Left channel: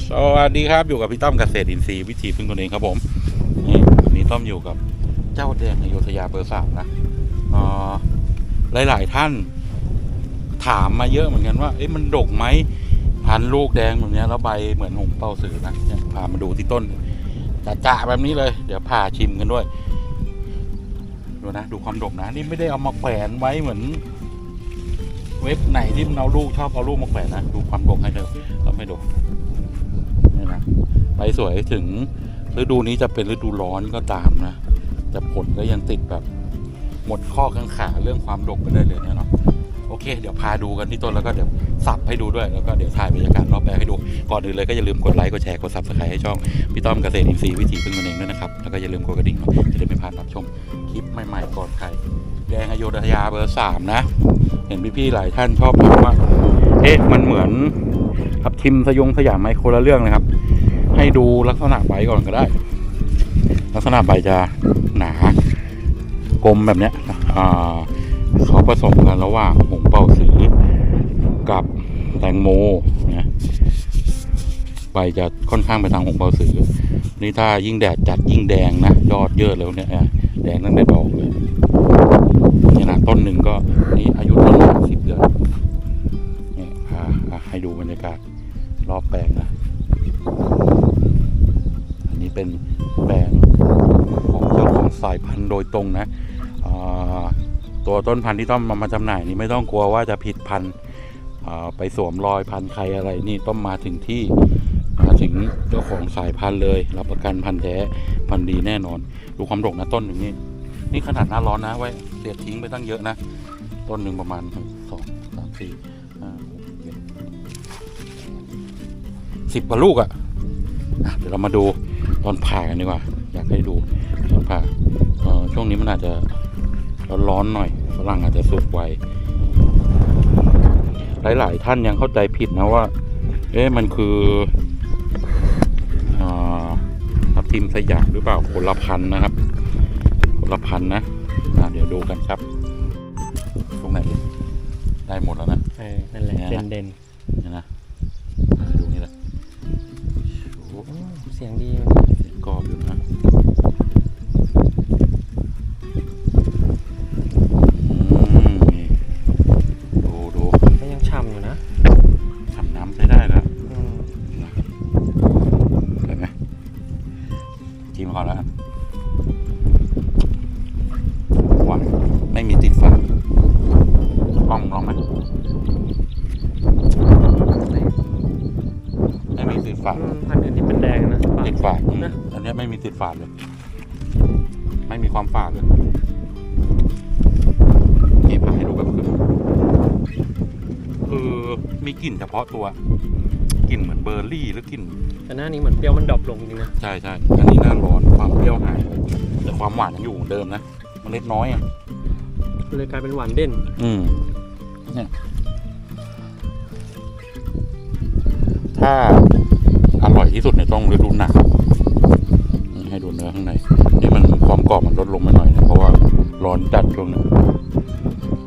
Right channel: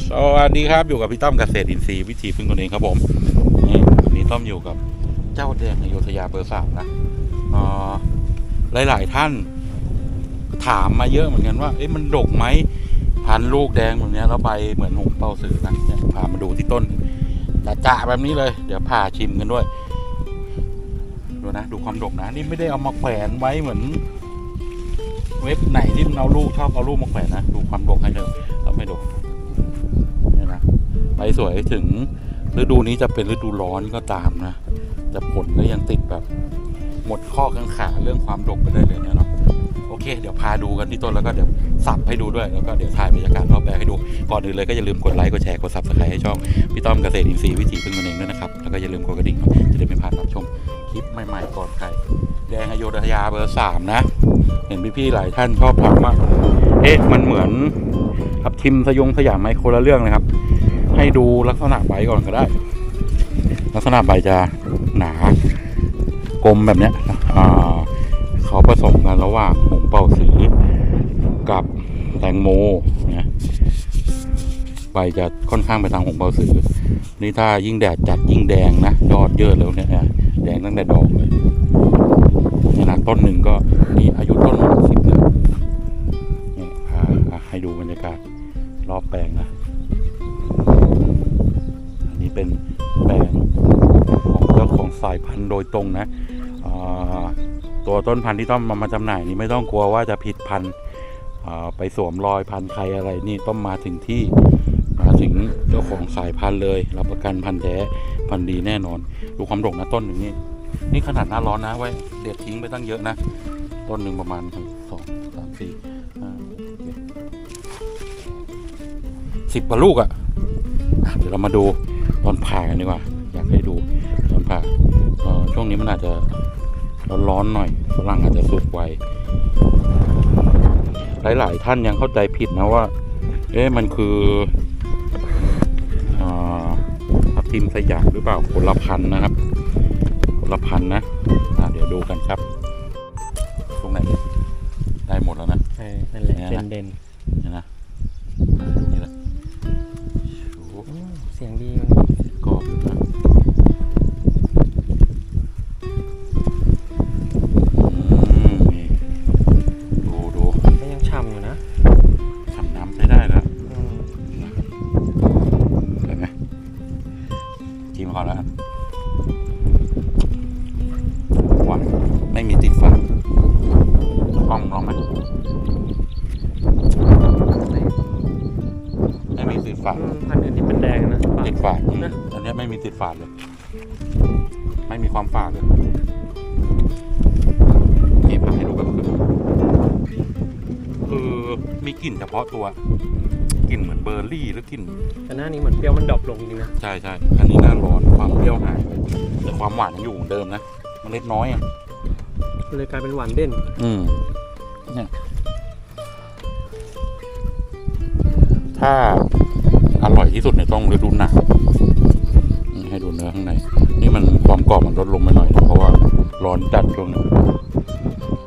สวัสดีครับอยู่กับพี่ต้อมเกษตรอินทรีย์วิถีพึ่งตนเองครับผมนี่วันนี้ต้อมอยู่กับเจ้าแดงอโยธยาเบอร์สามนะหลายๆท่านถามมาเยอะเหมือนกันว่าเอ๊ะมันดกไหมพันลูกแดงแบบนี้แล้วใบเหมือนหงเป่าสือนะเนี่ยพามาดูที่ต้นจะๆแบบนี้เลย เดี๋ยวพาชิมกันด้วยดูนะดูความดกนะนี่ไม่ได้เอามาแขวนไว้เหมือน เว็บไหนที่มันเอาลูกชอบเอาลูกมาแขวนนะดูความดกให้เถอะแล้วไม่ดก ใบสวยถึงฤดูนี้จะเป็นฤดูร้อนก็ตามนะ แต่ผลก็ยังติดแบบหมดข้อกังขาเรื่องความดกไปได้เลยเนี่ยเนาะโอเค เดี๋ยวพาดูกันที่ต้นแล้วก็เดี๋ยวสับให้ดูด้วยแล้วก็เดี๋ยวถ่ายบรรยากาศรอบแปลงให้ดู ก่อนอื่นเลยก็อย่าลืมกดไลค์กดแชร์กดซับสไครต์ให้ช่องพี่ต้อมเกษตรอินทรีย์วิถีพึ่งตนเองด้วยนะครับ แล้วก็อย่าลืมกดกระดิ่งจะได้ไม่พลาดรับชมคลิปใหม่ๆก่อนใครแดงอโยธยาเบอร์สามนะ เห็นพี่ๆหลายท่านชอบถามว่า เอ๊ะมันเหมือนทับทิมสยงสยามไหมคนละเรื่องเลยครับ ให้ดูลักษณะใบก่อนก็ได้ ลักษณะใบจะหนากลมแบบเนี้ยเขาผสมกันระหว่างหงเป่าสือกับแตงโมนะใบจะค่อนข้างไปทางหงเป่าสือ นี่ถ้ายิ่งแดดจัดยิ่งแดงนะยอดเยอะแล้วเนี่ยแดงตั้งแต่ดอกเลยนี่นะต้นหนึ่งก็นี่อายุต้นหกสิบเดือนนี่ให้ดูบรรยากาศรอบแปลงนะ อันนี้เป็นแปลงของเจ้าของสายพันธุ์โดยตรงนะตัวต้นพันธุ์ที่ต้องมามาจำหน่ายนี่ไม่ต้องกลัวว่าจะผิดพันธุ์ไปสวมรอยพันธุ์ใครอะไรนี่ต้องมาถึงที่มาถึงเจ้าของสายพันธุ์เลย รับประกันพันธุ์แท้พันธุ์ดีแน่นอน ดูความดกนะต้นหนึ่งนี่นี่ขนาดหน้าร้อนนะไว้เด็ดทิ้งไปตั้งเยอะนะ ต้นหนึ่งประมาณสองสามสี่ สิบกว่าลูกอะอะ เดี๋ยวเรามาดูตอนผ่ากันดีกว่า อยากให้ดูตอนผ่าเอ่อช่วงนี้มันอาจจะร้อนๆหน่อยฝรั่งอาจจะสุกไวหลาย ๆ ท่านยังเข้าใจผิดนะว่า เอ๊ะมันคืออ่าทับทิมสยามหรือเปล่าคนละพันธุ์นะครับคนละพันนะอ่าเดี๋ยวดูกันครับ ตรงไหนดิได้หมดแล้วนะเออนั่นแหละเนี่ยนะเด่นเด่นเนี่ยนะอ่าดูนี่แหละโอ้โหๆอืมเสียงดีกรอบอยู่นะ ฝาดเลย ไม่มีความฝาดเลยนี่พาให้ดูแบบคือคือมีกลิ่นเฉพาะตัวกลิ่นเหมือนเบอร์รี่หรือกลิ่นแต่หน้านี้เหมือนเปรี้ยวมันดรอปลงจริงนะใช่ใช่อันนี้หน้าร้อนความเปรี้ยวหายไปแต่ความหวานยังอยู่เหมือนเดิมนะเมล็ดน้อยอะเลยกลายเป็นหวานเด่น อืมเนี่ยถ้าอร่อยที่สุดในยต้องฤดูหนาว ความกรอบมันลดลงไปหน่อยนะเพราะว่าร้อนจัดช่วงนี้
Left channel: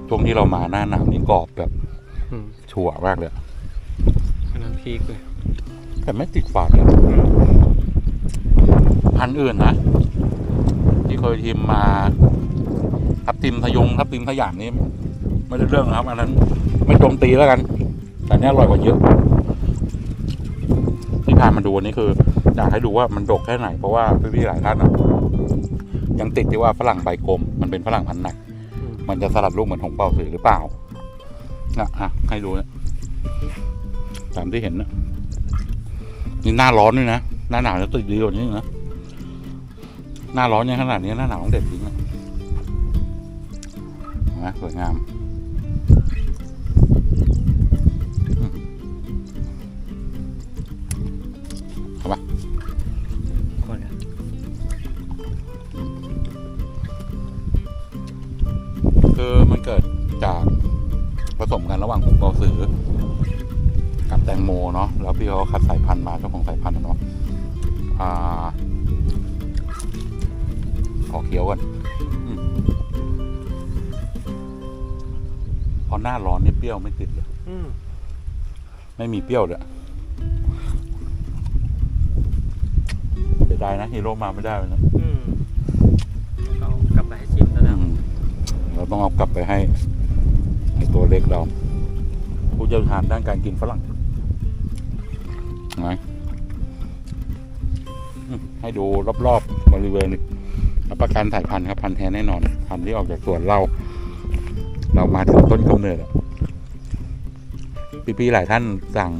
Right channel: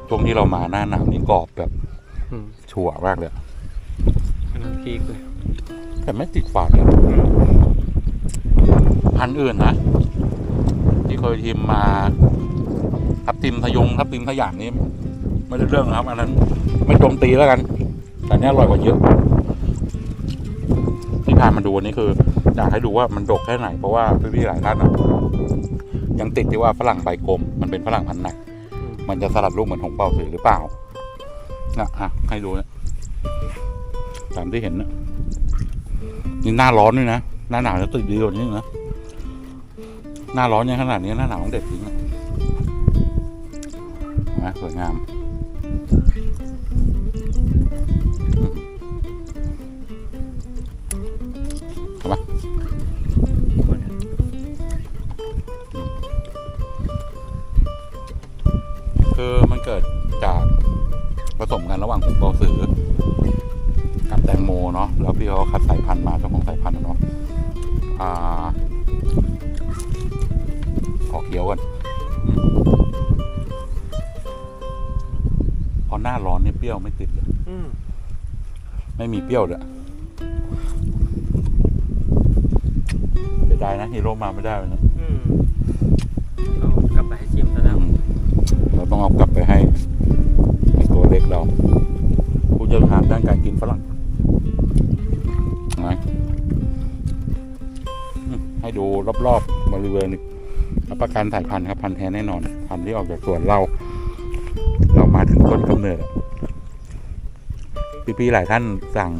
ช่วงที่เรามาหน้าหนาวนี่กรอบแบบอืมชั่วมากเลยอะอันนั้นพีคเลยแต่ไม่ติดฝาดเลยพันธุ์อื่นนะที่เคยทีมมาทับทิมทะยงทับทิมทะยานนี้ไม่ได้เรื่องนะครับ อันนั้น ไม่โจมตีแล้วกัน แต่อันนี้อร่อยกว่าเยอะ ที่พามาดูวันนี้คืออยากให้ดูว่ามันดกแค่ไหน เพราะว่าพี่ๆหลายท่านอะ ยังติดที่ว่าฝรั่งใบกลม มันเป็นฝรั่งพันธุ์หนักอืมมันจะสลัดลูกเหมือนของเป่าสือหรือเปล่านะอะให้ดูนะตามที่เห็นนะนี่หน้าร้อนด้วยนะหน้าหนาวจะติดดีกว่านี้นะหน้าร้อนยังขนาดนี้หน้าหนาวต้องเด็ดจริงนะเห็นไหมสวยงามอืม เกิดจากผสมกันระหว่างผงเปาสือ กับแตงโมเนาะแล้วพี่เขาคัดสายพันธุ์มาเจ้าของสายพันธุ์อะเนาะอ่าขอเคี้ยวกันอืมพอหน้าร้อนนี่เปรี้ยวไม่ติดเลยอืมไม่มีเปรี้ยวเลยดายนะฮีโร่มาไม่ได้วันนะ เราต้องเอากลับไปให้ตัวเล็กเรา ผู้เชี่ยวชาญด้านการกินฝรั่งนะให้ดูรอบๆบริเวณรับประกันสายพันธุ์ครับพันธุ์แท้แน่นอน พันธุ์ที่ออกจากสวนเรา เรามาถึงต้นกำเนิดพี่ๆหลายท่านสั่ง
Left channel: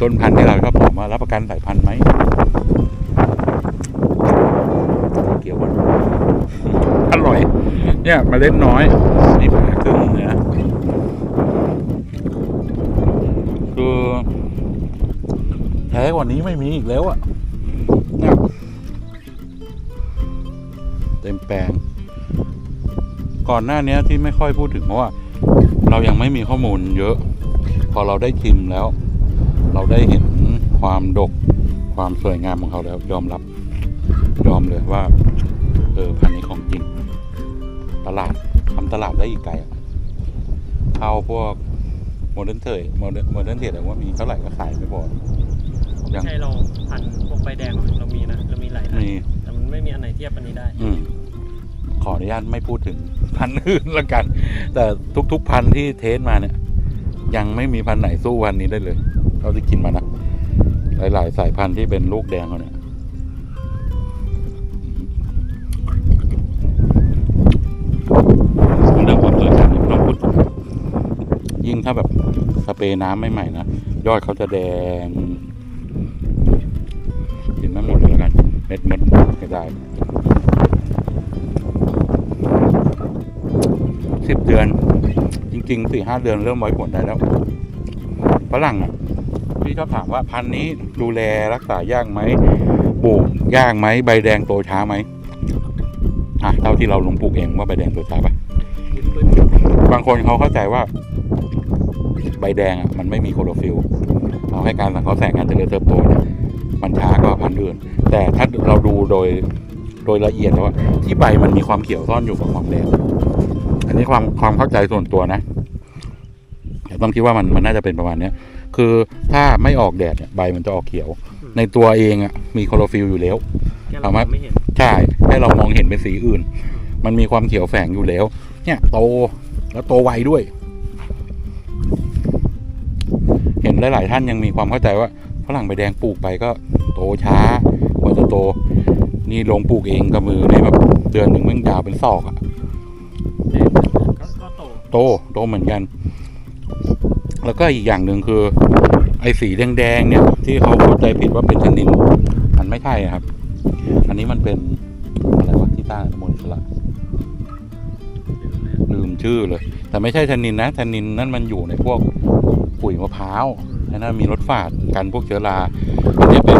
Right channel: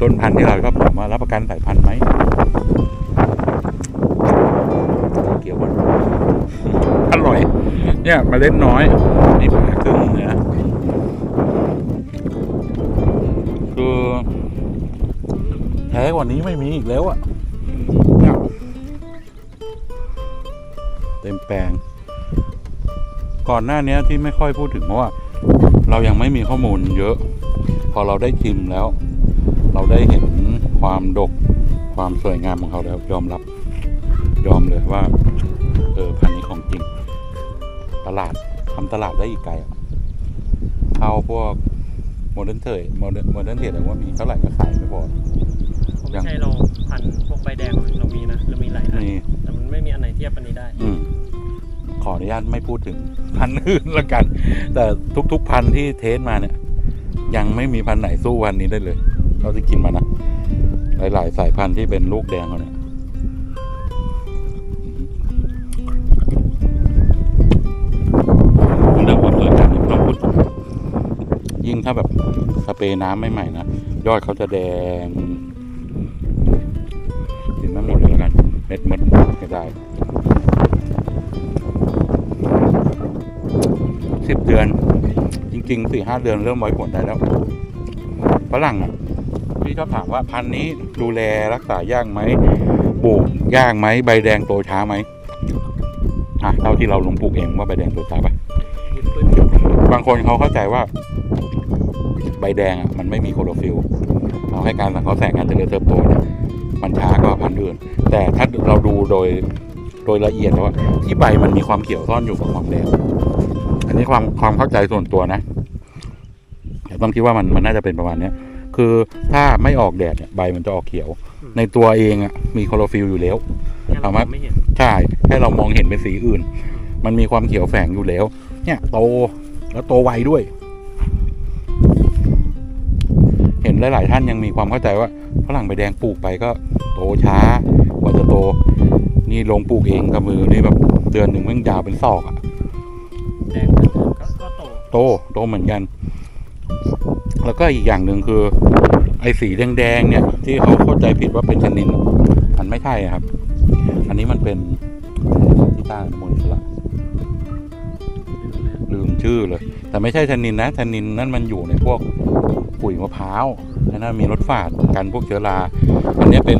ต้นพันธุ์ที่เราชอบถามว่ารับประกันสายพันธุ์ไหม เกี่ยวกันอร่อย เนี่ยเมาเล็ดน้อย นี่ผ่าครึ่งเนื้อคือแท้กว่านี้ไม่มีอีกแล้วอะเนี่ยเต็มแปลง ก่อนหน้านี้ที่ไม่ค่อยพูดถึงเพราะว่า เรายังไม่มีข้อมูลเยอะ พอเราได้ชิมแล้ว เราได้เห็นความดกความสวยงามของเขาแล้วยอมรับ ยอมเลยว่า เออพันธุ์นี้ของจริง ตลาดทำตลาดได้อีกไกลอะเอาพวกโมเดิร์นเทรดโมเดิร์นโมเดิร์นเทรดว่ามีเท่าไหร่ก็ขายไม่พอไม่ใช่เราพันธุ์พวกใบแดงเรามีนะเรามีหลายอันมีแต่มันไม่มีอันไหนเทียบอันนี้ได้ อืมขออนุญาตไม่พูดถึงพันธุ์อื่นละกัน แต่ทุกๆพันธุ์ที่เทสมาเนี่ย ยังไม่มีพันธุ์ไหนสู้พันธุ์นี้ได้เลยเราที่กินมานะหลาย ๆ สายพันธุ์ที่เป็นลูกแดงเขาเนี่ย ถ้าแบบสเปรย์น้ำใหม่ๆนะ ยอดเขาจะแดงกินไม่หมดเลยแล้วกัน เม็ดเม็ดก็ได้สิบเดือน จริงๆสี่ห้าเดือนเริ่มไว้ผลได้แล้วฝรั่งอะพี่ชอบถามว่าพันธุ์นี้ดูแลรักษายากไหมปลูกยากไหมใบแดงโตช้าไหมอะเท่าที่เราลงปลูกเองว่าใบแดงโตช้าปะบางคนเขาเข้าใจว่าใบแดงอะมันไม่มีโคลอโรฟิลเราให้การสังเคราะห์แสงการเจริญเติบโตเนี่ยมันช้ากว่าพันธุ์อื่น แต่ถ้าเราดูโดยโดยละเอียดแล้วว่าที่ใบมันมีความเขียวซ่อนอยู่กับความแดงอันนี้ความความเข้าใจส่วนตัวนะแต่ต้องคิดว่ามันมันน่าจะเป็นประมาณเนี้ยคือถ้าไม่ออกแดดเนี่ยใบมันจะออกเขียวอืมในตัวเองอะมีโคลอโรฟิลอยู่แล้วงั้นเราสามารถไม่เห็นใช่ให้เรามองเห็นเป็นสีอื่น มันมีความเขียวแฝงอยู่แล้ว เนี่ยโตแล้วโตไวด้วย เห็นหลาย ๆ ท่านยังมีความเข้าใจว่าฝรั่งใบแดงปลูกไปก็โตช้ากว่าจะโต นี่ลงปลูกเองกับมือในแบบเดือนหนึ่งมันยาวเป็นศอกอะโตโตเหมือนกัน แล้วก็อีกอย่างหนึ่งคือ ไอ้สีแดงๆเนี่ย ที่เขาเข้าใจผิดว่าเป็นชนินมันไม่ใช่ครับ อันนี้มันเป็นอะไรวะที่ต้านมนิสละลืมชื่อเลย แต่ไม่ใช่ชนินนะชนินนั่นมันอยู่ในพวกปุ๋ยมะพร้าวไอ้นั่นมีรสฝาดกันพวกเชื้อรา อันนี้เป็น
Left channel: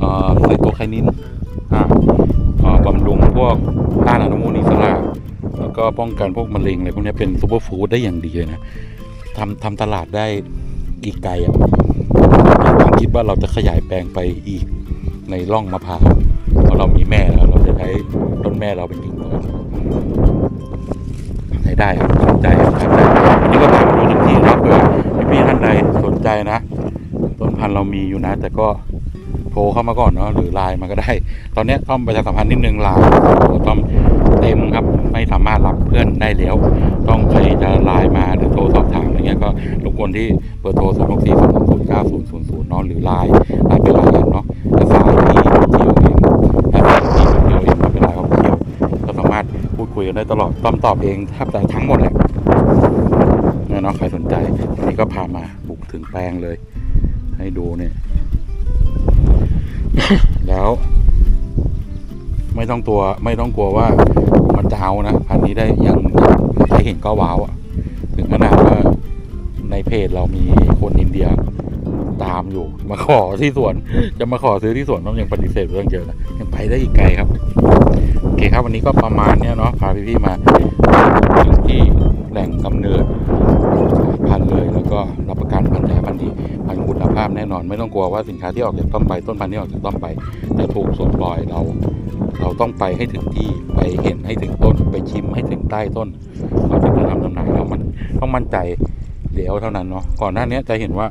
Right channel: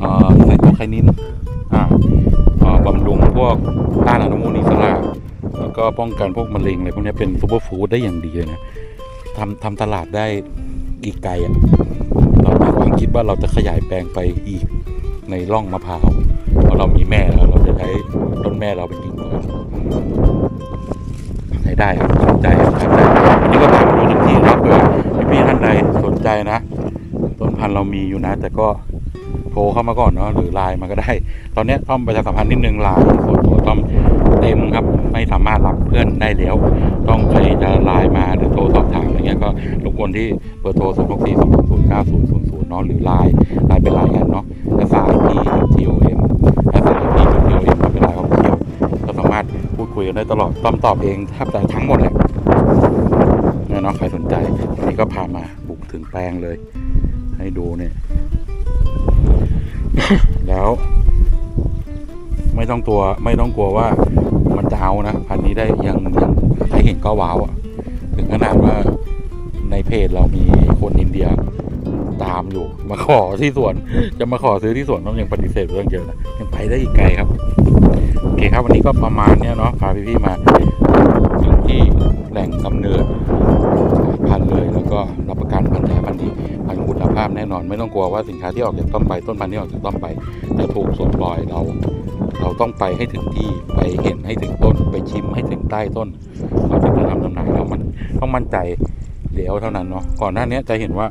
เอ่อไซโตไคนินบำรุงพวกต้านอนุมูลอิสระแล้วก็ป้องกันพวกมะเร็งอะไรพวกนี้เป็นซูเปอร์ฟู้ดได้อย่างดีเลยนะทำทำตลาดได้อีกไกลอะมีความคิดว่าเราจะขยายแปลงไปอีกในร่องมะพร้าวเพราะเรามีแม่แล้วเราจะใช้ต้นแม่เราเป็นกิ่งก่อน ได้สนใจครับสนใจนี่ก็พามดูทุกที่ครับเผื่อพี่ๆท่านใดสนใจนะ ต้นพันธุ์เรามีอยู่นะ แต่ก็โทรเข้ามาก่อนเนาะหรือไลน์มาก็ได้ ตอนนี้ต้อมประชาสัมพันธ์นิดนึงไลน์ตัวต้อมเต็มครับไม่สามารถรับเพื่อนได้แล้ว ต้องใครจะไลน์มาหรือโทรสอบถามอะไรเงี้ยก็รบกวนที่เบอร์โทร0 6 4 2 0 9 0 0 0เนาะหรือไลน์ไลน์เป็นไลน์กันเนาะภาษาที่ที่โอเอ็มภาษาที่ คุยกันได้ตลอดต้อมตอบเองแทบแต่ทั้งหมดแหละนี่ยเนะใครสนใจวันนี้ก็พามาบุกถึงแปลงเลย ให้ดูเนี่ย แล้ว ไม่ต้องตัวไม่ต้องกลัวว่ามันจะเอานะพันนี้ได้ยังใครเห็นก็ว้าวอะถึงขนาดว่าในเพจเรามีคนอินเดียตามอยู่ มาขอที่สวน จะมาขอซื้อที่สวนต้องยังปฏิเสธเรื่องเยอะนะยังไปได้อีกไกลครับ โอเคครับวันนี้ก็ประมาณเนี้ยเนาะพาพี่ๆมาถึงที่แหล่งกำเนิดพันธุ์เลย แล้วก็รับประกันพันธุ์แท้พันธุ์ดีพันธุ์คุณภาพแน่นอน ไม่ต้องกลัวว่าสินค้าที่ออกจากต้นไปต้นพันธุ์ที่ออกจากต้นไปจะถูกสวมรอยเรา เราต้องไปให้ถึงที่ไปเห็นให้ถึงต้นไปชิมให้ถึงใต้ต้นเราถึงจะทำจำหน่ายแล้วมันต้องมั่นใจเดี๋ยวเท่านั้นเนาะก่อนหน้านี้จะเห็นว่า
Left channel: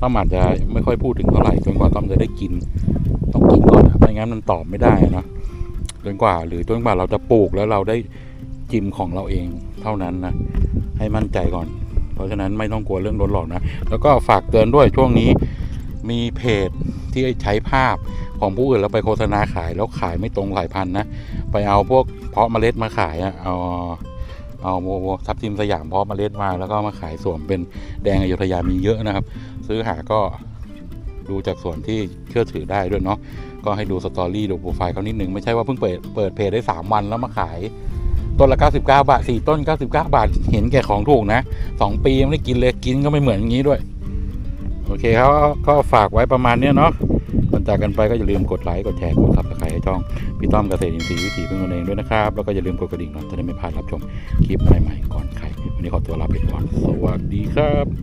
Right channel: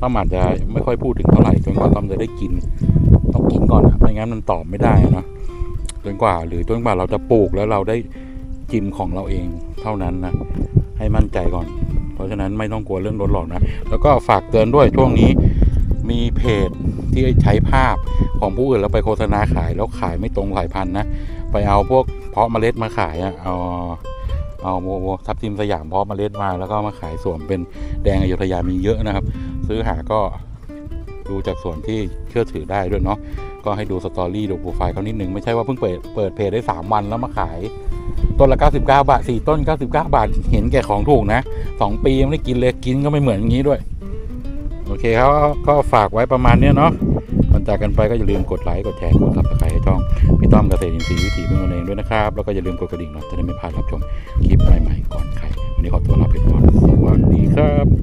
ต้อมอาจจะไม่ค่อยพูดถึงเท่าไหร่จนกว่าต้อมจะได้กิน ต้องกินก่อนอะไม่งั้นมันตอบไม่ได้นะ จนกว่า หรือจนกว่าเราจะปลูกแล้วเราได้จิมของเราเองเท่านั้นนะให้มั่นใจก่อน เพราะฉะนั้นไม่ต้องกลัวเรื่องรถหรอกนะ แล้วก็ฝากเตือนด้วยช่วงนี้มีเพจที่ใช้ภาพของผู้อื่นแล้วไปโฆษณาขายแล้วขายไม่ตรงสายพันธุ์นะ ไปเอาพวกเพาะเมล็ดมาขายอะเอาเอาโมโมทับทิมสยามเพาะเมล็ดมาแล้วก็มาขายสวมเป็นแดงอยุธยามีเยอะนะครับ ซื้อหาก็ดูจากส่วนที่เชื่อถือได้ด้วยเนาะ ก็ให้ดูสตอรี่ดูโปรไฟล์เขานิดนึง ไม่ใช่ว่าเพิ่งเปิดเปิดเพจได้ 3 วันแล้วมาขาย ต้นละ 99 บาท 4 ต้น 99 บาท เห็นแก่ของถูกนะ 2 ปีไม่ได้กินเลยกินก็ไม่เหมือนอย่างนี้ด้วย โอเคครับก็ฝากไว้ประมาณนี้เนาะก่อนจากกันไปก็อย่าลืมกดไลค์กดแชร์กดซับสไครต์ให้ช่องพี่ต้อมเกษตรอินทรีย์วิถีพึ่งตนเองด้วยนะครับ แล้วก็อย่าลืมกดกระดิ่งเนาะจะได้ไม่พลาดรับชมคลิปใหม่ๆก่อนใครวันนี้ขอตัวลาไปก่อนสวัสดีครับ